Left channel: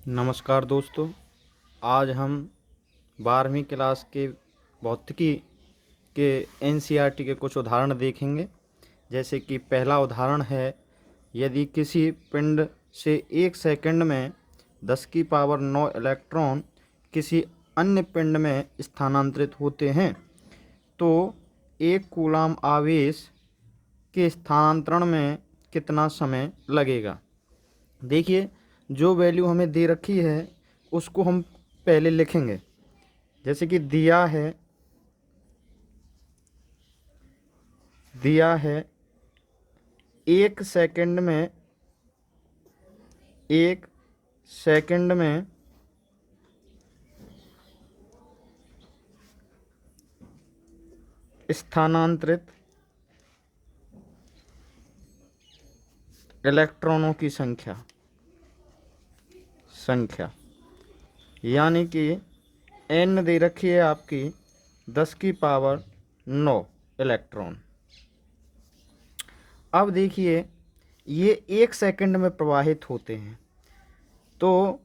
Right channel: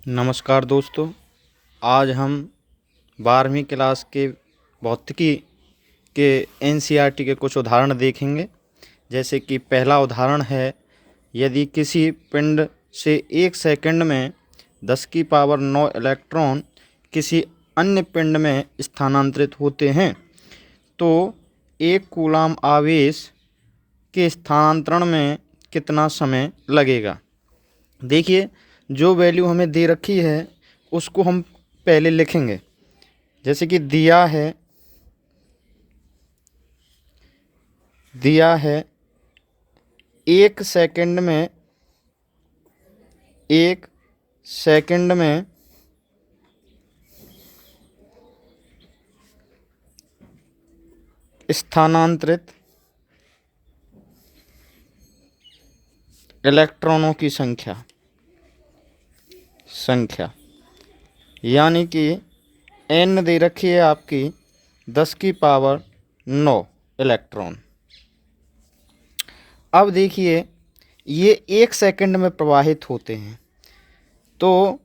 नमस्कार दोस्तों। आज हम 12वीं क्लास के भौतिकी के एनसीईआरटी के कुछ उदाहरण देखेंगे। जैसे कि पहला उदाहरण है, यदि किसी पिंड से 1 सेकंड में 10 की पावर 9 इलेक्ट्रॉन किसी अन्य पिंड में स्थानांतरित होते हैं तो 1 कूलाम आवेश के स्थानांतरण में कितना समय लगेगा। देखिए, जो वैल्यू हमें दे रखी है उसको हम पहले लिखेंगे। जैसे कि दिया है 1 सेकंड में स्थानांतरित इलेक्ट्रॉनों की संख्या यानी कि n दे रखी है आपकी 10 की पावर 9 इलेक्ट्रॉन। अब देखिए, ये 1 सेकंड में प्रवाहित होते हैं। तो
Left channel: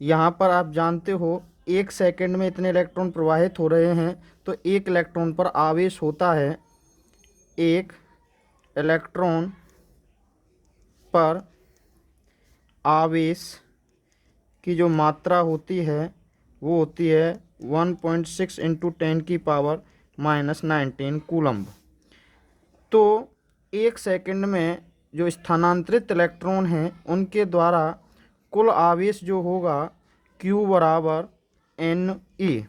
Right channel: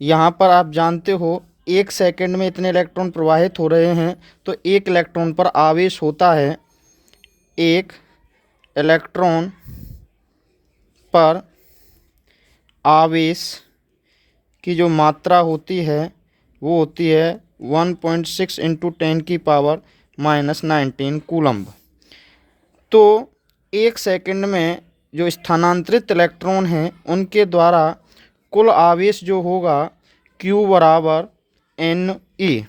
यहाँ पर आप जानते हो 1 सेकंड में इतने इलेक्ट्रॉन प्रवाहित हो रहे हैं, तो 1 इलेक्ट्रॉन पर आवेश होता है, 1 इलेक्ट्रॉन पर आवेश की जो मात्रा होती है वो होती है 1.6 इंटू 10 की पावर -19 कूलम्ब। तो 1 सेकंड में जो स्थानांतरित इलेक्ट्रॉन हैं उनके द्वारा कुल आवेश जो होगा Q बराबर NE,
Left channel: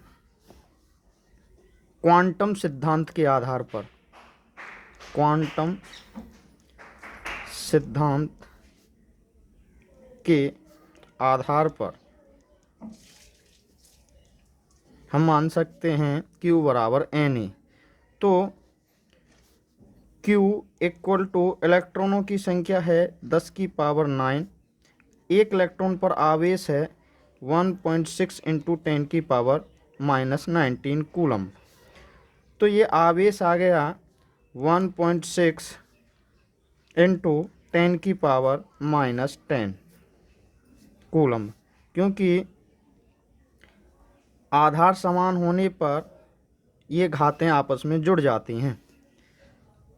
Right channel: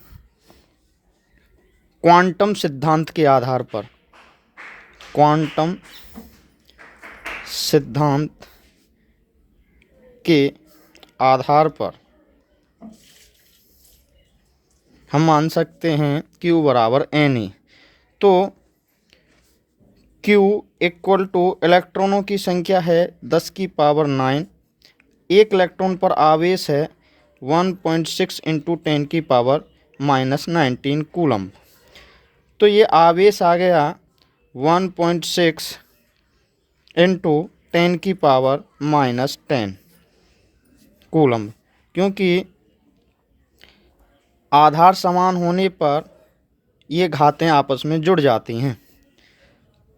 क्वांटम सिद्धांत के आधार पर, क्वांटम सिद्धांत के आधार पर हम मान सकते हैं Q बराबर NE। तो Q इक्वल टू इलेक्ट्रॉनों की संख्या है 10 की पावर 9, 1 इलेक्ट्रॉन पर आवेश है 1.6 इंटू 10 की पावर -19 कूलम्ब। तो ये आवेश आ गया 1.6 इंटू 10 की पावर -10 कूलम्ब, क्योंकि आधार समान होने पर ये घातें आपस में जुड़ जाती हैं।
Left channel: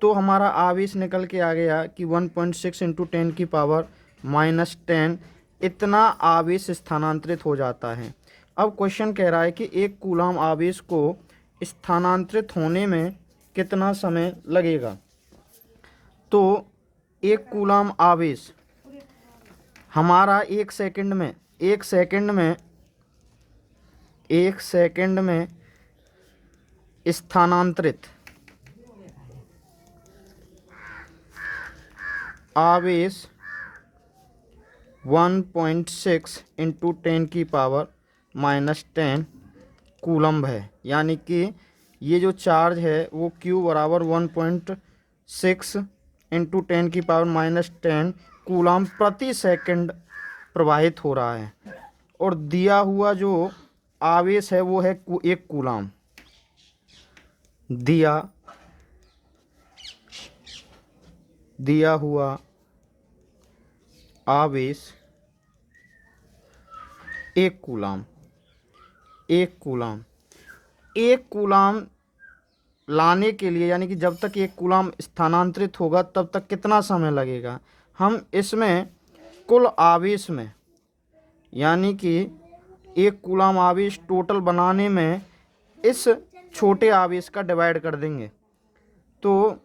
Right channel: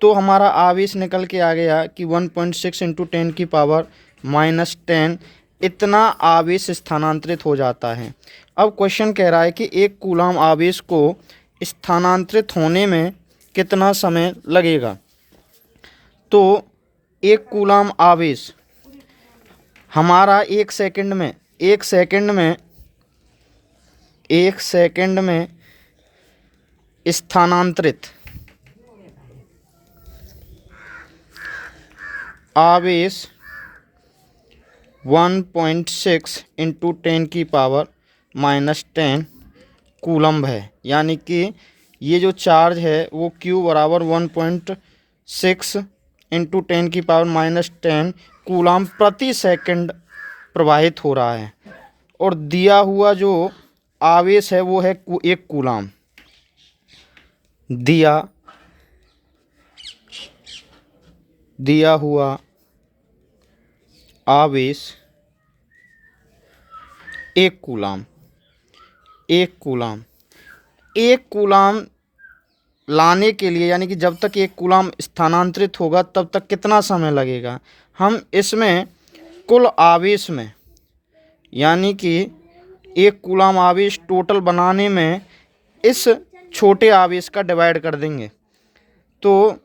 तो हमारा आवेश निकल के आ गया कि 1.6 इंटू 10 की पावर -10 इतना आवेश स्थानांतरित हो जाता है। अब क्वेश्चन कह रहा है कि 1 कूलाम आवेश को स्थानांतरित होने में कितना समय लगेगा। तो 1 कूलाम आवेश हमारा 1 सेकंड में स्थानांतरित आवेश 1.6 इंटू 10 की पावर -10 कूलम्ब है। यानी कि ये जो चार्ज है वो Q बराबर 1.6 इंटू 10 की पावर -10 कूलम्ब प्रति सेकंड प्रवाहित हो रहा है। और दिया हुआ जो आवेश है वो है 1 कूलाम। दिया हुआ आवेश 1 कूलाम। 1 कूलाम लाने के लिए, यानी कि जब तक 1 कूलाम स्थानांतरित होगा तब तक कितना समय लगेगा। हम इसमें कुल आवेश में, यानी कि 1 कूलाम आवेश टोटल बनाने में इस छोटे आवेश का डिवाइड कर देंगे। तो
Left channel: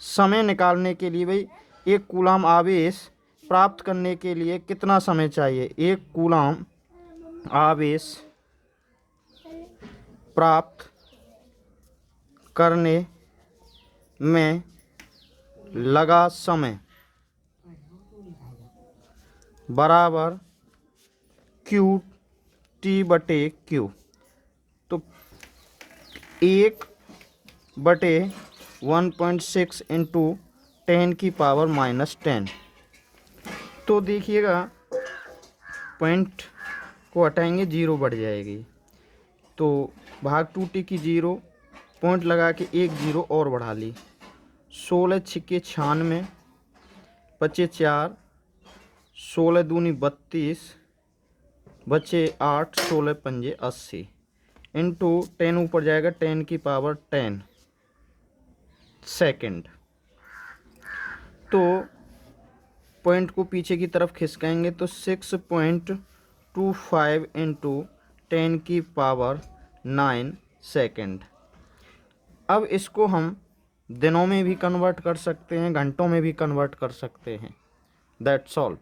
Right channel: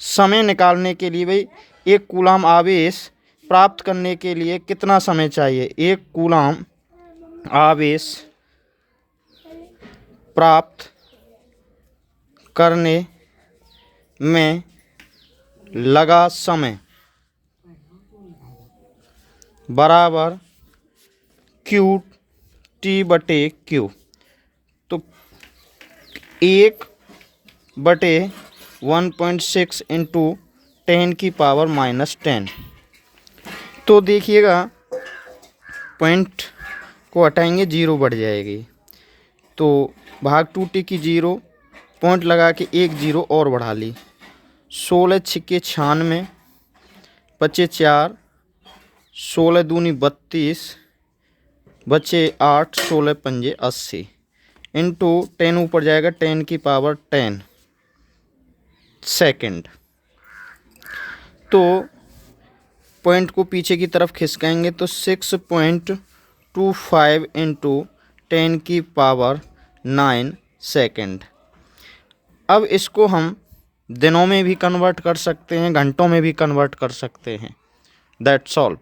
समय निकालने के लिए भाई 1 कूलाम आवेश प्राप्त करने के लिए कितना समय चाहिए। 1 कूलाम आवेश प्राप्त करने में लगा समय बराबर Q/T/Q। तो 1/1.6 इंटू 10 की पावर -10। तो देखिएगा, पॉइंट को हटाएंगे, 0 बढ़ जाएगी। तो भाग 2T की 0, पॉइंट लगा के 1 0 और बढ़ा ली। 16 × 96, 96, बचे 4, 16 दूनी 32, बचे 8, 16 पंजे 80 इंटू 10 ऊपर जाएगा 10 की पावर 10 सेकंड। तो पॉइंट को पीछे की तरफ खिसकाएंगे तो 6.25 इंटू 10 की पावर 9 सेकंड। अब इसको हम दिनों में भी कन्वर्ट कर सकते हैं, घंटों में भी कन्वर्ट कर सकते हैं। That's all.